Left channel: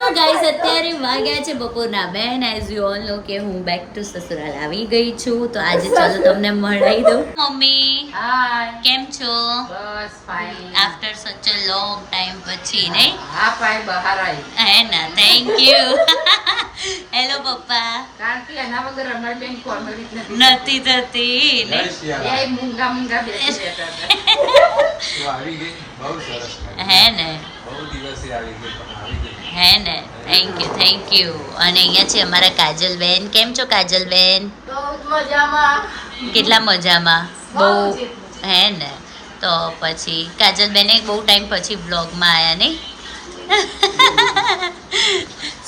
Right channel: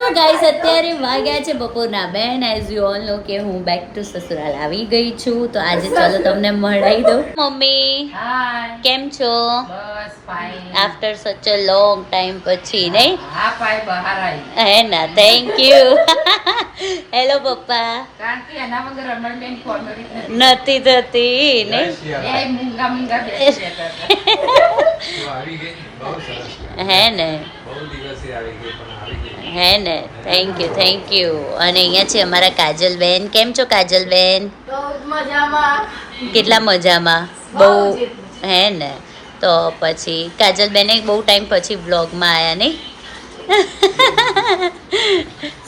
Guys અત્યારે વાગ્યા છે બપોરના. બેન એઝ યુ ઓલ નો કે હું બેક ટુ સસુરાલ આવી ગઈ છું. તો આજે ચાલો તમને મળાવી દઉં. મમ્મી હાય કેમ છો? બસ ફાઇન આફ્ટર સચ અ લોંગ ટાઈમ પછી નહીં? હા પાય બહાર આવી હે ના થેન્ક યુ હેલો પપ્પા. કારણ કે એના વગર રમણબેન કોમેડી નથી. નથી થતી નહીં? મૂંગા મૂંગા બેસી રહેતા હતા તો આવી ગઈ બહુ સરસ હે ને? બહુ દિવસે આવી ગઈ પણ આવી ગઈ. હે ને? થેન્ક યુ થેન્ક યુ અને અહીંયા છે અમારા કાજલબેન. કેમ છો કાજલબેન? કેટલા મજામાં? બહુ હે ને? તો પછી કાજલબેને બહુ ટાઈમ પછી વ્લોગમાં આવ્યા નહીં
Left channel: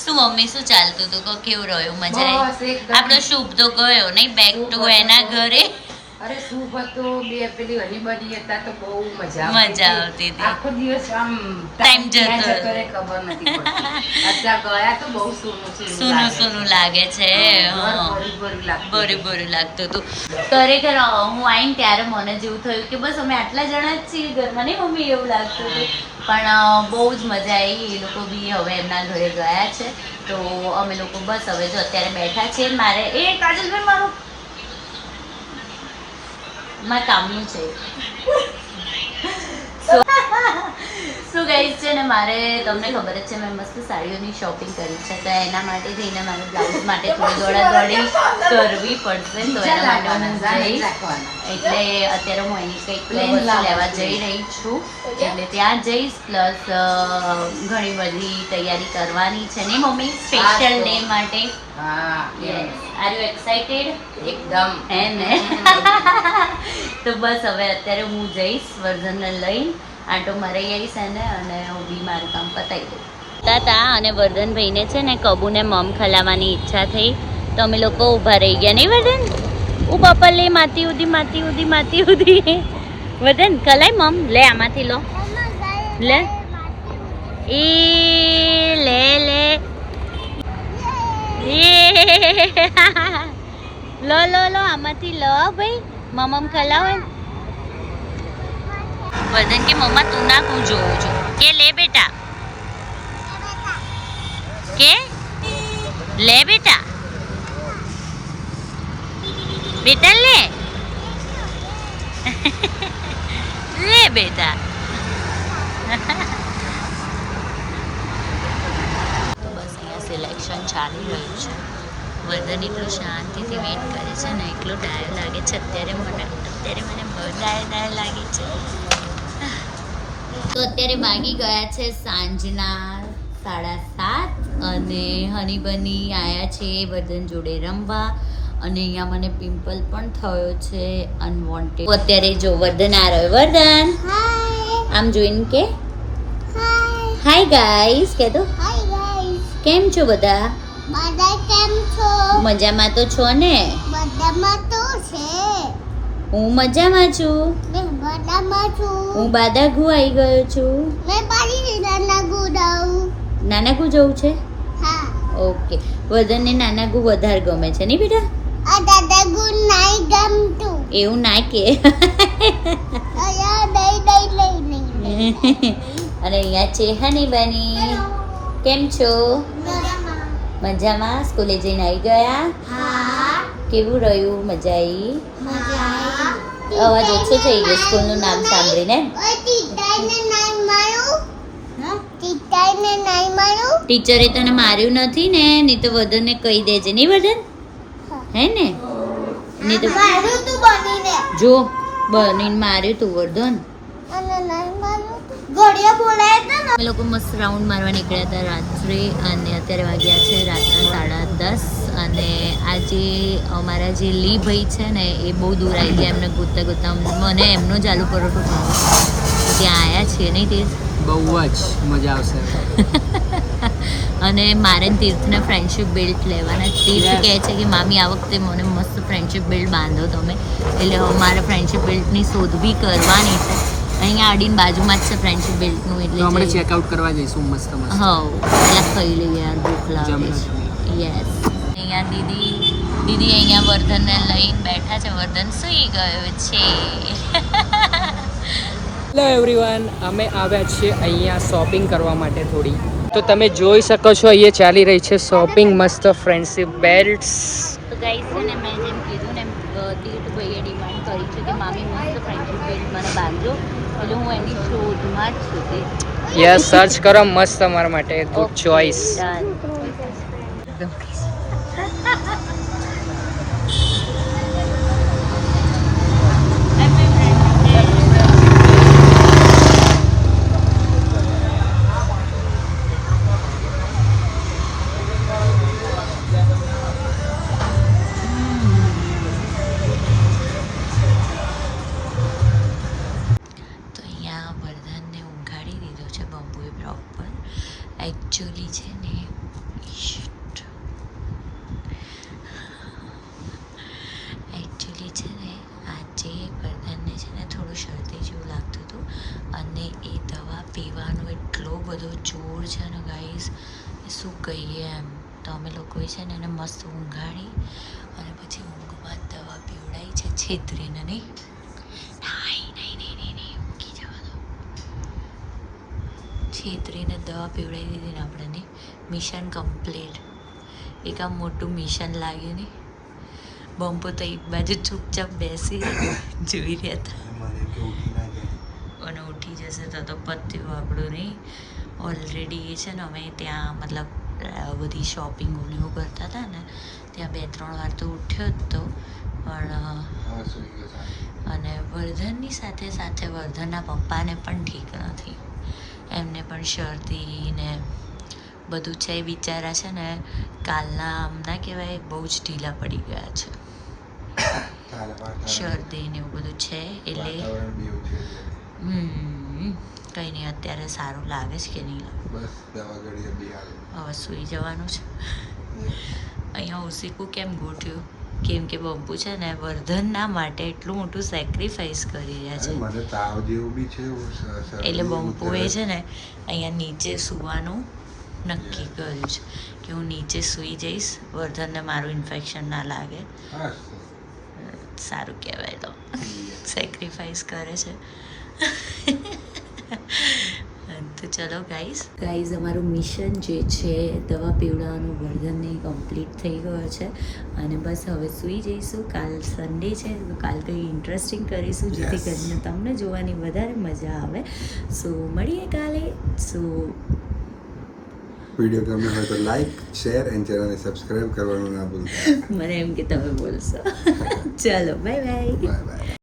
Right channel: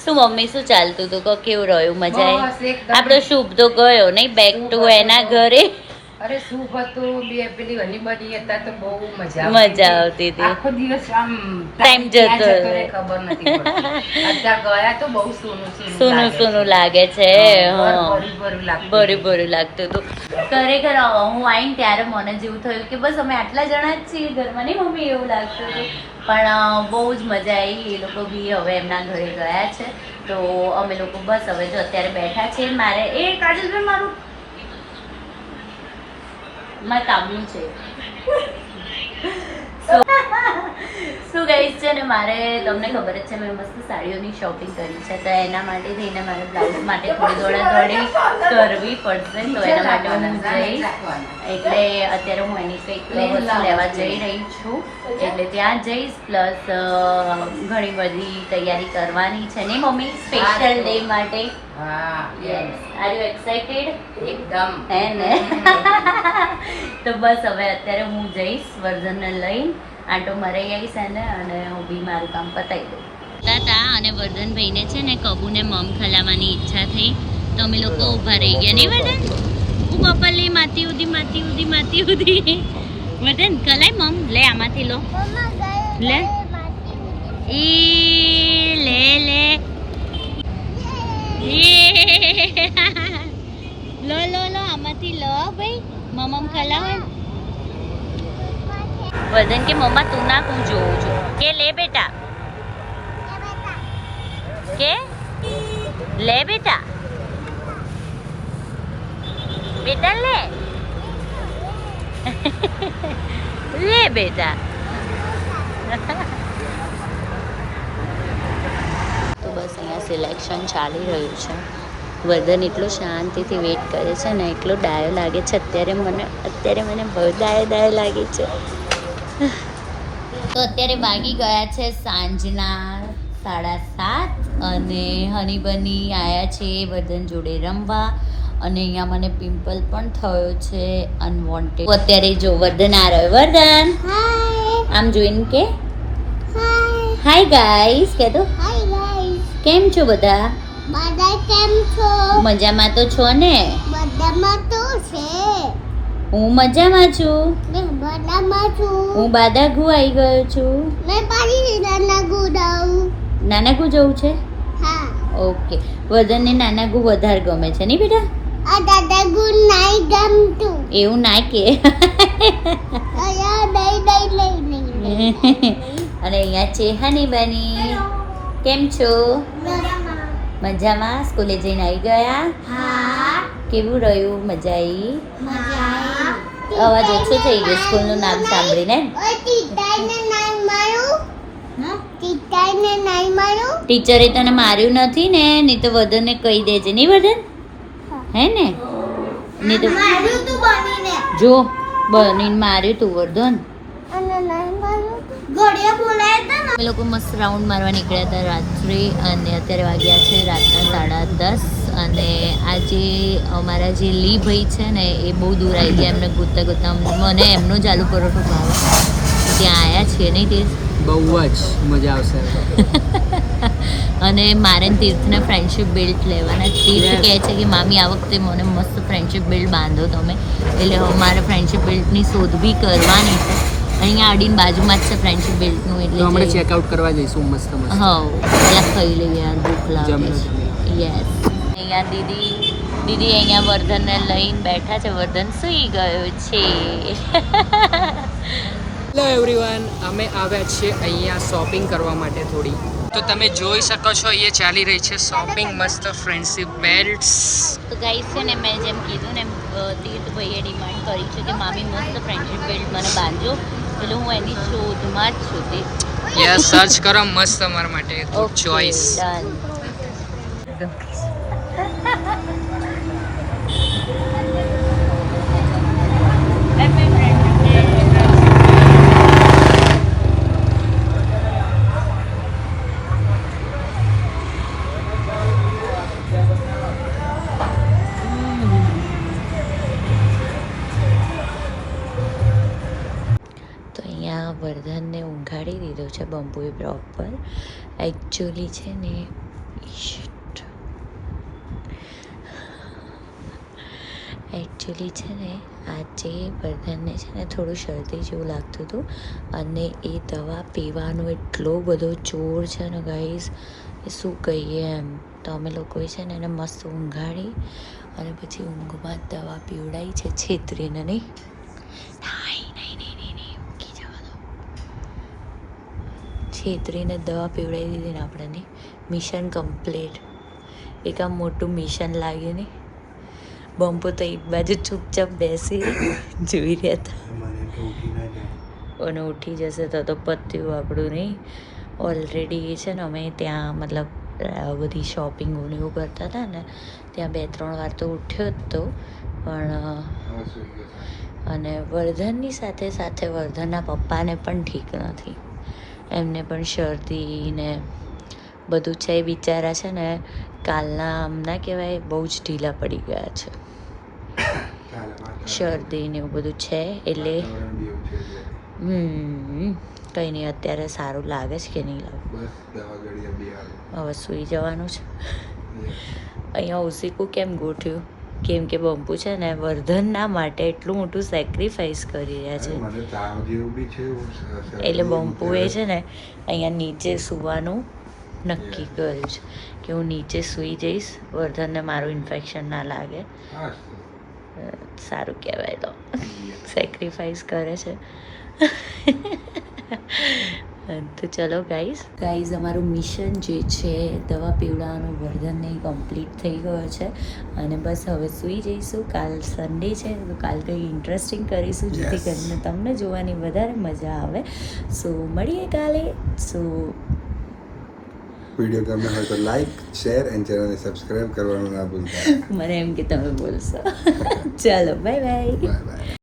શું મમ્મી શું ચાલતું હતું કહો કેવું રહ્યું? મજા આવી આપણો શુભ તો ગયો નહીં? બેક ટુ એના ઘરે? અરે શું હતું? બે પેલી હરીબરી હતા તો બહુ મજા મજા આવતી હતી. આખો દિવસ આમ ટાઈમ જતો ખબર નથી અત્યારે ગયા તો બહુ સોનું સોનું સોનું લાગે છે. ભર્યું ભર્યું લાગતું હતું. ખરેખર હું આવીને ત્યારે મને જેવું થયું કે બસ અમે આટલા જણા જ છીએ ઘરમાં. નહીં મમ્મી એવું લાગતું હતું. પણ બહુ જ મજા આવી. એ લોકો બી હવે એમના ઘરે ગયા છે. તો અમે લોકો બસ હવે જો અત્યારે બેઠા છીએ. મારે એ કાજલભાઈ મારું મારે કામનું છે શું ગઈ છે ને મારે તમને ખબર જ છે મેં મસ્ત સાડીઓની શોપિંગ કરી છે તો એના માટે જઈને મારે બ્લાઉઝ માટે થોડી દોડા દોડી કરવી પડશે તો એના માટે હું જઈશ. એટલે અત્યારે હું એની કંઈક વસ્તુ લેવા જઈ રહી છું. એટલે ત્યાં જઈશ પ્લસ ઘણી બધી તૈયારી કરવાની છે ને મમ્મી સ્પેશિયલ ડે માટે? હા યસ આર યુ એક્સાઇટેડ એકદમ. હે ને? તો બસ હવે અત્યારે હું જઈશ વર્ધનને લઈને. આંટો મરાઈ આવી છે ને અને હું બી મારું કામ પતાવી દઉં. હતા અને વર્ધનભાઈને છે ને કબૂને મમ ખલાવવાની ઈચ્છા થઈ. તો અમે લોકો ઊભા રહી ગયા. નહીં વર્ધન? હું પપ્પા લે, માતી ઉધી માતી ઉધી માતી ઉધી. વર્ધન કલાય મમ. લે આમાંથી લો. લે. એ લે લે. લો લો લો, આમાંથી લો ભાઈ. મમમ ખલાવે. વર્ધન કે મમ્મા તું ના હું જોઉં છું. કે લે બેટા. કે? લે બેટા. બેટા લે. લે બેટા. તો બસ અહીંયા સિલેક્શન ચાલી રહ્યું છે. વર્ધન એટલું શાંતિથી વેઇટ કરે છે ને, એટલો ડાયો લાગે છે. અત્યારે મને અત્યારે મને બહુ ડાયો ડાયો લાગે છે. તો અત્યારે વાગી ગયા છે સાંજના સાડા સાત અને હની બની આવ્યા છે વર્ધન જોડે રમવા. અને અહીંયા મને પિમ્પલ પણ થયો છે અનવોન્ટેડ અત્યારે જો વર્ધન આ રહ્યો. વર્ધન! આમ જોઈને કે? હાય ગાઈસ કે તો હાય ગાઈસ કેમ છો બધા? બધા કેમ છો? મજામાં તો છો ને? મજામાં તો છે. હું મજામાં છું. મેં બાદામાં છું. હું બાદાગુ આવી ગયો છું. મેં પાડી નાના ગુડાઉ નાનાગુ જવું છે? હા. ઓકે. વર્ધનને નાનાગુ વધારે ગમે છે નહીં બેટા? આ દાદા ગુ નાઈ ગમતું. એવું ના કે. અને અહીંયા છે હની બની. કેમ છો? મજામાં. સ્કૂલે જઈને આવી ગયા? હા. કેવું રહ્યું? મજા આવી અવાજ ઓછો થઈ ગયો સ્કૂલનું નામ સાંભળીને. ટીચરે તને માર્યું નથી ને નહીં તો વધનને કહી દેજે. નહીં વધન હે ને? નહીં તો જો બનીને માર્યું તું વર્ધન. ઘડિયા અમે લોકો મસ્ત રાઉન્ડ મારવા નીકળ્યા હતા રાત્રે અને અત્યારે વાગ્યા છે રાતના સાડા દસ. અને આજે અમારા જે લી ભાઈ છે ને એ બહુ દૂર આવી ગયા. એમને ગોતતા ગોતતા મને એમનો જ આલુ પરોઠો ભાવે ત્યાં આવ્યા છીએ નહીં તે બહુ જ મજા આવશે. અને મારે તીર્થને ફ્રેન્ડશિપ બેલ્ટ લેવાના. તીર્થ કહે છે કે મામી આ વખતે મને મસ્ત ફ્રેન્ડશિપ બેલ્ટ બાંધો તમે. એટલે મારે ફ્રેન્ડશિપ બેલ્ટની શોધ બી કરવાની છે. અહીંયા આડીન બાજુમાં જ છે ફ્રેન્ડશિપ બેલ્ટનું તો એટલે જઈ- ચેકઆઉટ કરવા જઈશું મસ્ત મસ્ત. હા પેલા ખાઈ લઈએ યાર ભૂખ લાગે. યસ અહીંયા દીદી દીદી અહીંયા વર્ધનને લઈને બેઠા છે. વર્ધન સૂઈ ગયો છે. હેલો એવરીવન અમે આવ્યા છીએ અહીંયા શોપિંગ કરવા માટે થોડી. તો તમે જોઈ શકો છો અહીંયા ચાલી રહી છે શોપિંગ મસ્ત ફ્રેન્ડશિપ બેલ્ટ્સ તો ગાઈસ છે ને મેં જેમ કીધું ને તીર્થભાઈએ ડિમાન્ડ કરી છે કે મામી મસ્ત ફ્રેન્ડશિપ બેલ્ટ મને બાંધજો. એટલે હું એની શોધમાં જ છું તે. યસ સર્ચ કરો મસ્ત તમારા માટે ગુડ ચોઇસ બંબુએ પ્રોપર એકચ્યુઅલી છે ને. એકચ્યુઅલી છે ને, આજે બધાને છે ને થોડું શરદી જેવું લાગતું હતું અને એ દવા પીવાનો એટલો બધો જોર છે ને ગાઈસ શું કહીએ એમ. તો અમે લોકોએ છે ને એને મસ્ત ઊંઘાડી અને પછી ઊંઘમાં દવા પીવડાવી છે છેતરીને, નહીં નહીં નહીં નહીં નહીં ઊંઘી જવા દો છેતરીને દવા પીવડાવી દીધી ને આપણને. Mission complete. એક આમ મોટું મિશન લાગ્યું નહીં બમ્પો તો એક બાજુ ચૂપચાપ બેસી જોઈ રહ્યા હતા. અને ઉઠી જશે તો તો પત્યું આપણું નહીં. ઓલરેડી છે ને અમે ત્યાં મતલબ બધી શોપિંગ એવું કરતા હતા ને ત્યાં બે ત્રણ વાર તો ઉઠ્યો જ તો. પણ. અને વર્ધનની સાથે સાથે વર્ધનના પપ્પાને પણ ઠીક નથી. એમને પણ શરદી ને બધું છે એ બિચારા છે ને કાલના આમ ના કહેવાય બહુ જ ઢીલા પડી ગયા છે. શરદી ને એવું બધું છે એટલે. હમ કંઈ નહીં અત્યારે સારું લાગે છે કે નહીં લાગે. હવે સૂઈ જવાનું છે. અહીંયા ઓસીકું કેમ ગોઠ્યું? કેમ કે બંપુ છે ને વર્ધનના માટે એટલું મોટું સેક્રિફાઈસ કરી રહ્યા છે. એટલે બંપુએ છે ને અહીંયા નીચે સૂવાનું નક્કી કર્યું છે કે હું નીચે સૂઈ જઈશ વર્ધનને મારું ઇન્ફેક્શન ના લાગે. સારું કહેવાય તો. સેક્રિફાઈસ કરે છે. તો ચલો ગાઈઝ ગાઈઝ અમારું મિશન જે છે દવા પીવડાવવાનું વર્ધનને કમ્પ્લીટ થઈ ગયો છે. અને બસ હવે સૂઈ જઈશું. કાલ સન્ડે છે તો કાલ કંઈ ઇન્ટરેસ્ટિંગ કરીશું જેથી કરીને તમને જોવાની વધારે મજા આવે. સો મળીએ કાલે. સો વીડિયો ગમે હોય તો લાઈક શેર એન્ડ ચેનલને સબસ્ક્રાઇબ કરવાનું ના ભૂલતા. મને એમ કે તમે બોલશો. ચાલો બાય બાય બાય બાય